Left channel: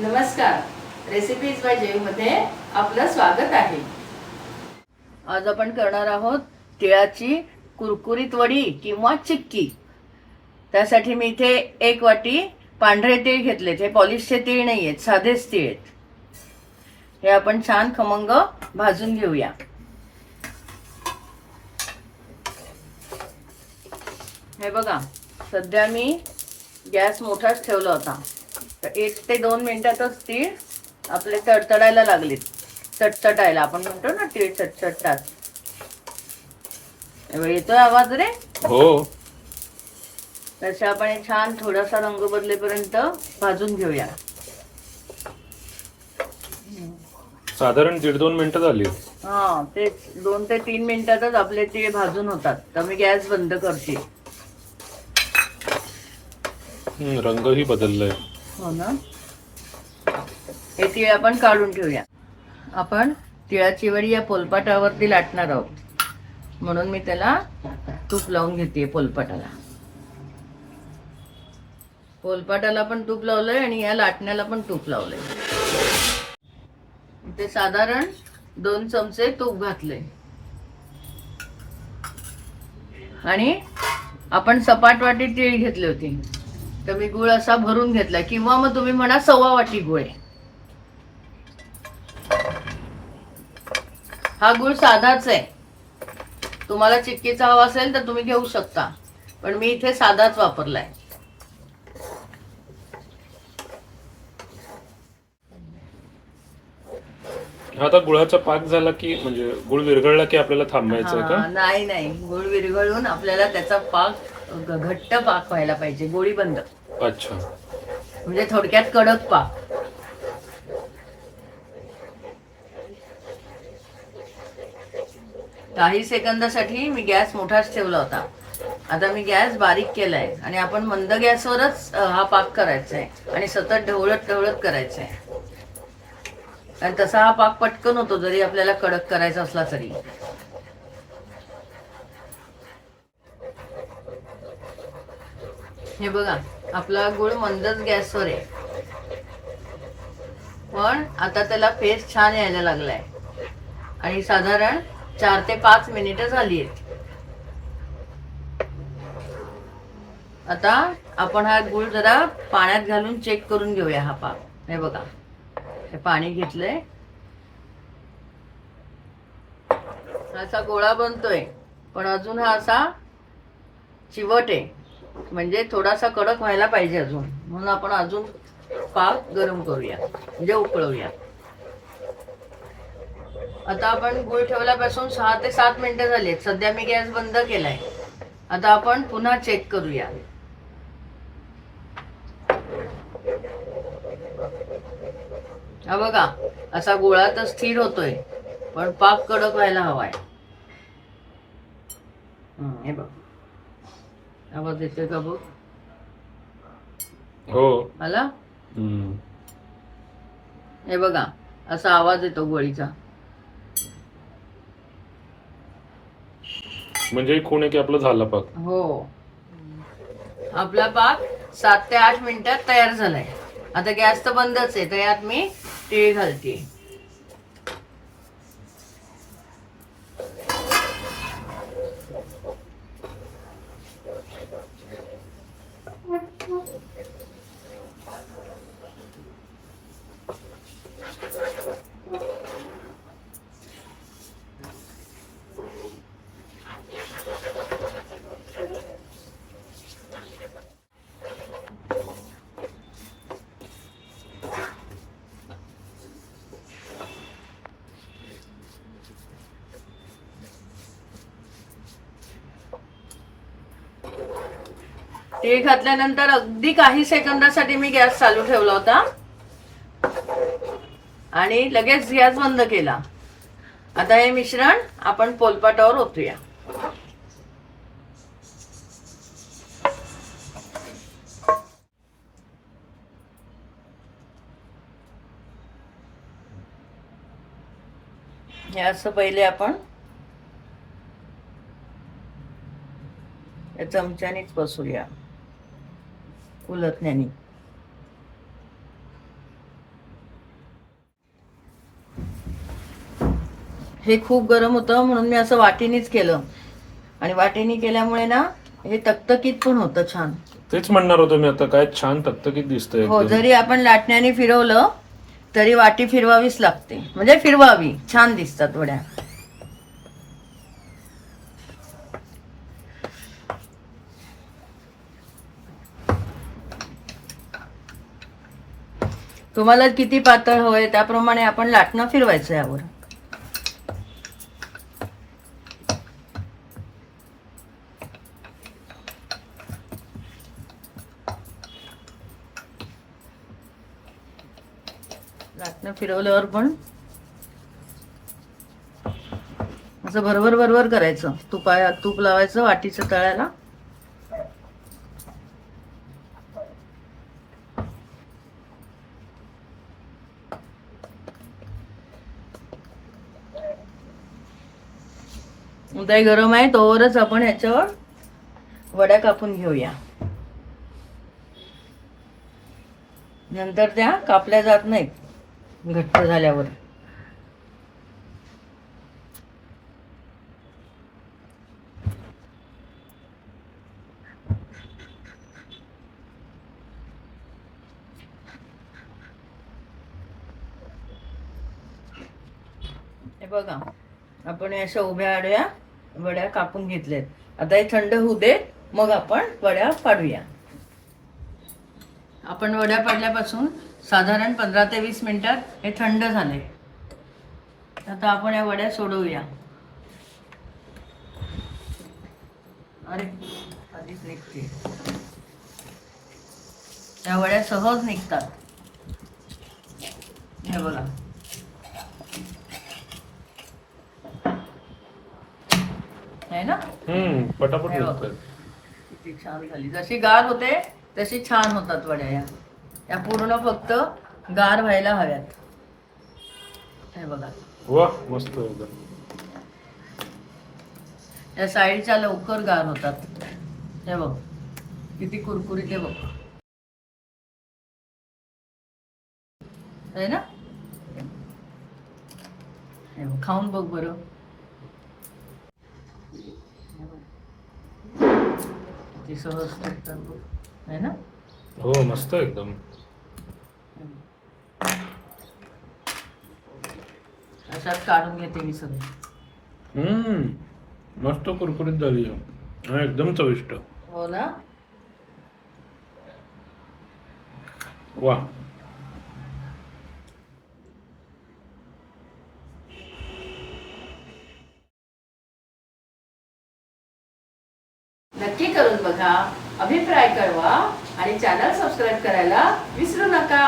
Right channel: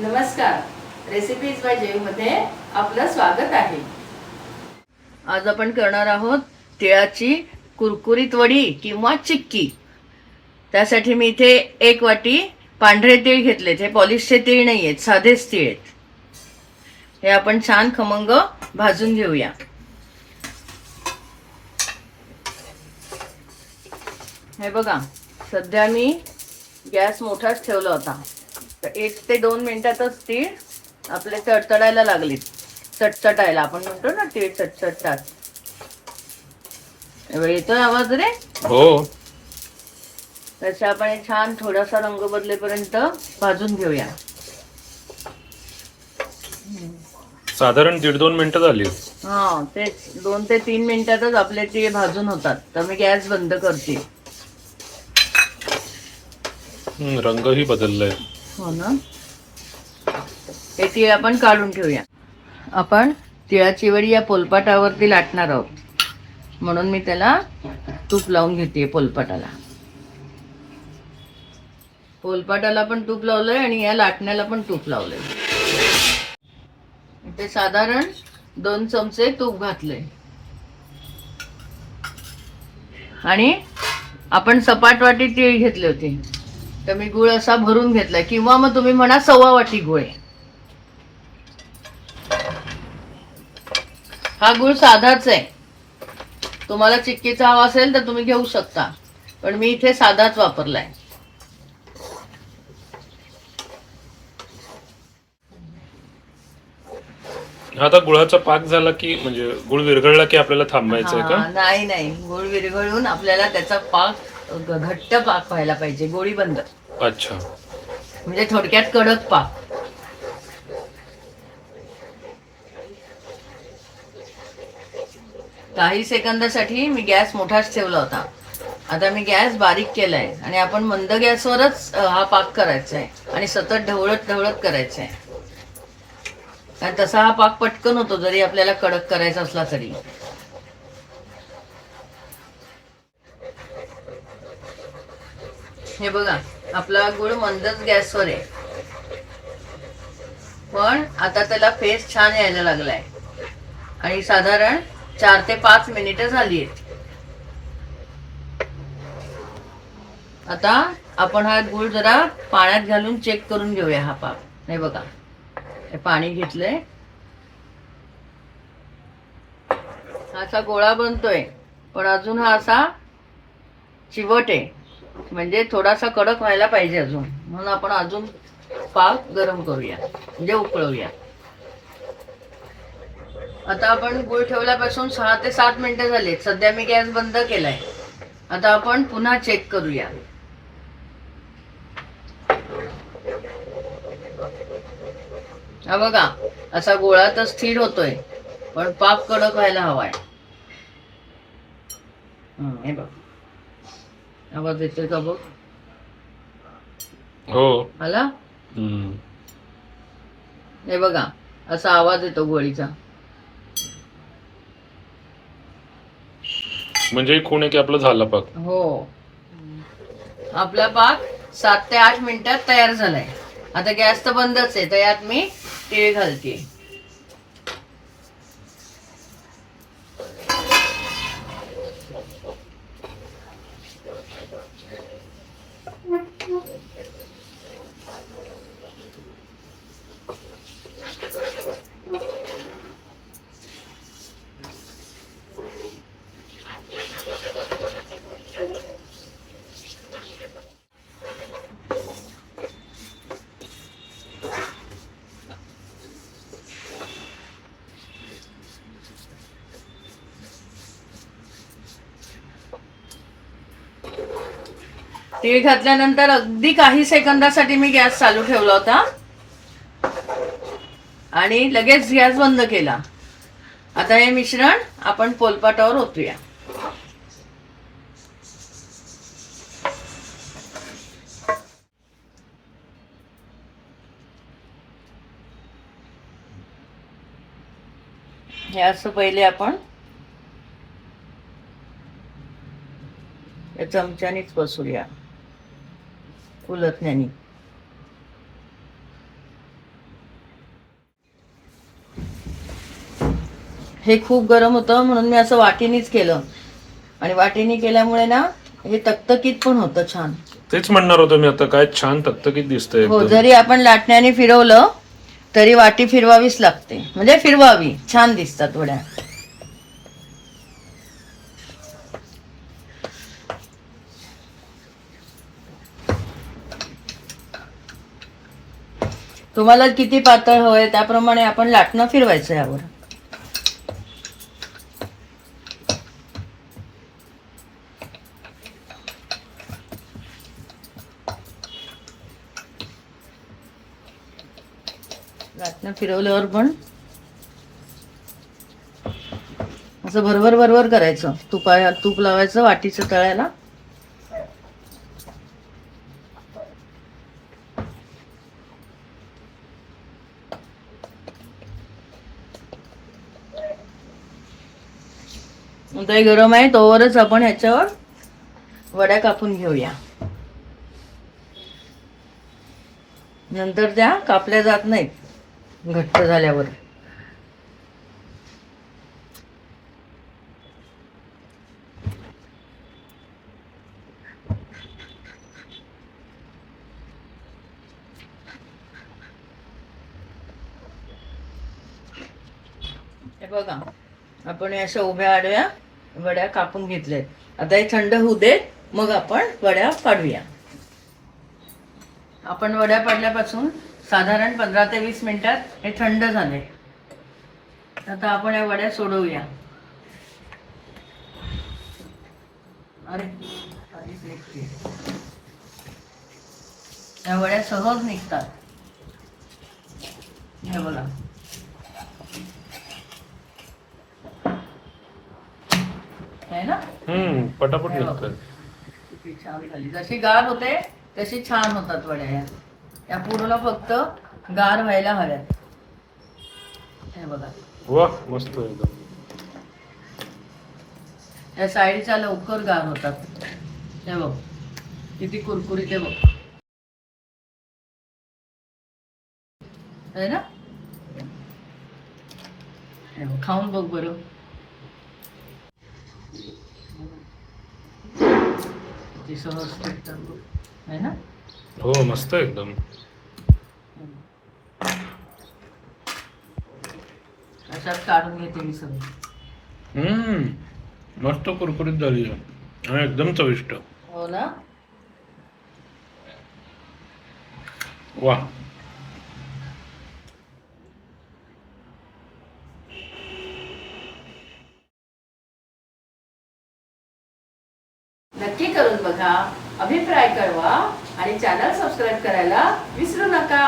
नमस्कार. Recipes bye जयमध्ये आपलं स्वागत आहे. आज आपण करणार आहोत तिळाची कुरकुरीत वडी किंवा चिक्की. त्यासाठी मी इथे एक वाटी पांढरे तीळ घेतलेत. हे पॉलिशचे तीळ नाही आहेत साधेच तीळ आहेत. हे आपण छान खमंग भाजून घेऊया. हे बघा सध्या मी गॅस मोठाच ठेवला होता. तर एक ते दोन मिनिटातच तीळ आपले तडतडायला लागलेत. चटचटायला. आपण म्हणतो ना तीळ चटचटतात येतोय आवाज रे? हो. त्याचा आपण एक छान थोडासा रंग बदलेपर्यंत भाजून घेऊया. साधारण दीड दोन मिनिटं झाली. हा ते दोन ते तीन मिनिटातच आपले तीळ भाजून होतात. तर मी गॅस बंद करते. रंगही बदललाय. हो ना? हे तीळ आपण काढून ठेवूया. आपण तिळाची वडी या पोलपाटावरती लाटणार आहोत. म्हणून मी त्याला तूप लावून घेते पोलपाटाला. पोलपाटाला पण तूप लावलंय आणि या लाटण्याला पण तूप लावलंय. इथे साधारण दोन चमचे तूप घातले आणि आपण सपाट वाटी तीळ घेतले होते. तर मी गुळ असा भरून घेतलाय. किंवा मग तुम्ही म्हणा सव्वा वाटी गुळ. आहे हा गुळ साधाच आहे. तुम्हाला चिक्कीचा हवा असेल तर तुम्ही घेऊ शकता. पण मी इथे साधाच वापरलाय. आता गुळाचा पाक झाला की म्हणजे गुळ विरघळला की आपल्याला थांबायचं आहे का? नाही नाही. गुळ विरघळून आपल्याला त्याचा पाक घट्ट पाक व्हायला पाहिजे गोळी बंद. अच्छा. म्हणजे थोडक्यात कडक पाक. काही सेकंदासाठी मी गॅस मोठाच ठेवला होता. आता मी गॅस बारीक केलाय आणि आपण मंद गॅसवरच हा पाक करायचा आहे आणि सतत ढवळत ढवळत करायचा आहे आणि तसा हा पाक पटकन होतो जरी आपल्याला कडक करायचा असला तरी. हे बघा आपला गुळ मंदच गॅसवर आहे. पण आता त्याला फेस छान यायला लागलाय. आणि साधारण चार ते पाच मिनिट झाली आहेत. आता आपण हा गुळ जरा पाण्यात घालून चेक करून घेऊया हा पाक. हे बघा हे पाणी घेतलंय. हा असा गोळा बनतोय पण अजून हा असा चिवट आहे. म्हणजे थोडासा कडक व्हायला पाहिजे अजून. म्हणून आपण अजून पाक गरम करूया. म्हणजे उकळूया. आता आपण गुळ ठेवल्यापासून सहा ते सात मिनटं झाली आहेत. सध्या मी गॅस बंद केलाय. आता आपण पुन्हा चेक करूया. हा बघा असा गोळा तर स्थिर होतोय पण पाक कडक व्हायला हवाय. हे बघ. आवाज येतोय का बघ? हो. हम्म. हे बघा असा आवाज येतो गोळीचा. म्हणजे खूण आहे की आपलं झालं पाक? हो. आपला पाक सात ते आठ मिनिटात तयार झालाय. आता गॅस तर बंदच आहे तर यात मी तीळ घालते. Thank you. तीळ घातल्यानंतर अगदी काही सेकंदासाठी मी गॅस चालू ठेवला होता. आणि लगेच गॅस बंद केला. आता हे मिश्रण आपण पोलपाटावर ओतूया. हे असं पहिले आपण चमच्यानेच बसूया कुलज्ञानी हे खूप गरम होतं म्हणून मी असं वाटीनीच केलं. आणि वाटीनी केल्यामुळे ना हे तकतकीत पण होतं छान. तेच म्हणणार होतो मी आता काय छान तकतकीत दिसतंय हो जरी आपण लाटण्याने फिरवलं तरी वाटी फिरवावीच लागते. म्हणजे फिरवावी छान दिसतात वड्या. तुम्हाला किती पातळ हवंय त्याप्रमाणे आपण लाटणं फिरवायचं यावर. लाटणं फिरवल्यावर पण असं भरभर भरभर करायचं. तुपा तूप लावायचं वाटीचं तळायला. उदय गरम आहे तोवरच आपण ह्याच्यावर वड्या कापून घेऊया. नंतर त्या कापल्या जात नाहीत घट्ट झाल्यावर. हे बघा आपण अशा उभ्या आडव्या वड्या कापून घेतल्यात आता हे थंड होऊ दे मग आपण वड्या पाडूया. आपण वड्या पाडल्यापासून साधारण पंधरा ते वीस मिनिटात हे थंड झाले. आता आपण या वड्या सोडवूया. अरे या वड्या सहज निघतात. हे बघा. आहे ना? हम्म पटापट निघतोय. किती छान झाली. जशी गार होते तशी छान होतात वड्या या. त्या पूर्ण फक्त गार व्हायला हव्यात. हे बघा. वा मस्त एकदम. या साईडच्या लवकर गार होतात. हे बघ. किती कुरकुरीत आहे बघ. ना? खाऊन बघ बरं. किती सहज बघ. आहे ना? हो मस्त एकदम. अशात काढून घेते मी सगळं. हम्म मस्त कुरकुरीत झाली आणि एकदम चविष्ट. हो ना? वा. नक्की करून बघा अभिप्राय कळवा आणि चॅनल सबस्क्राईब करायला विसरू नका.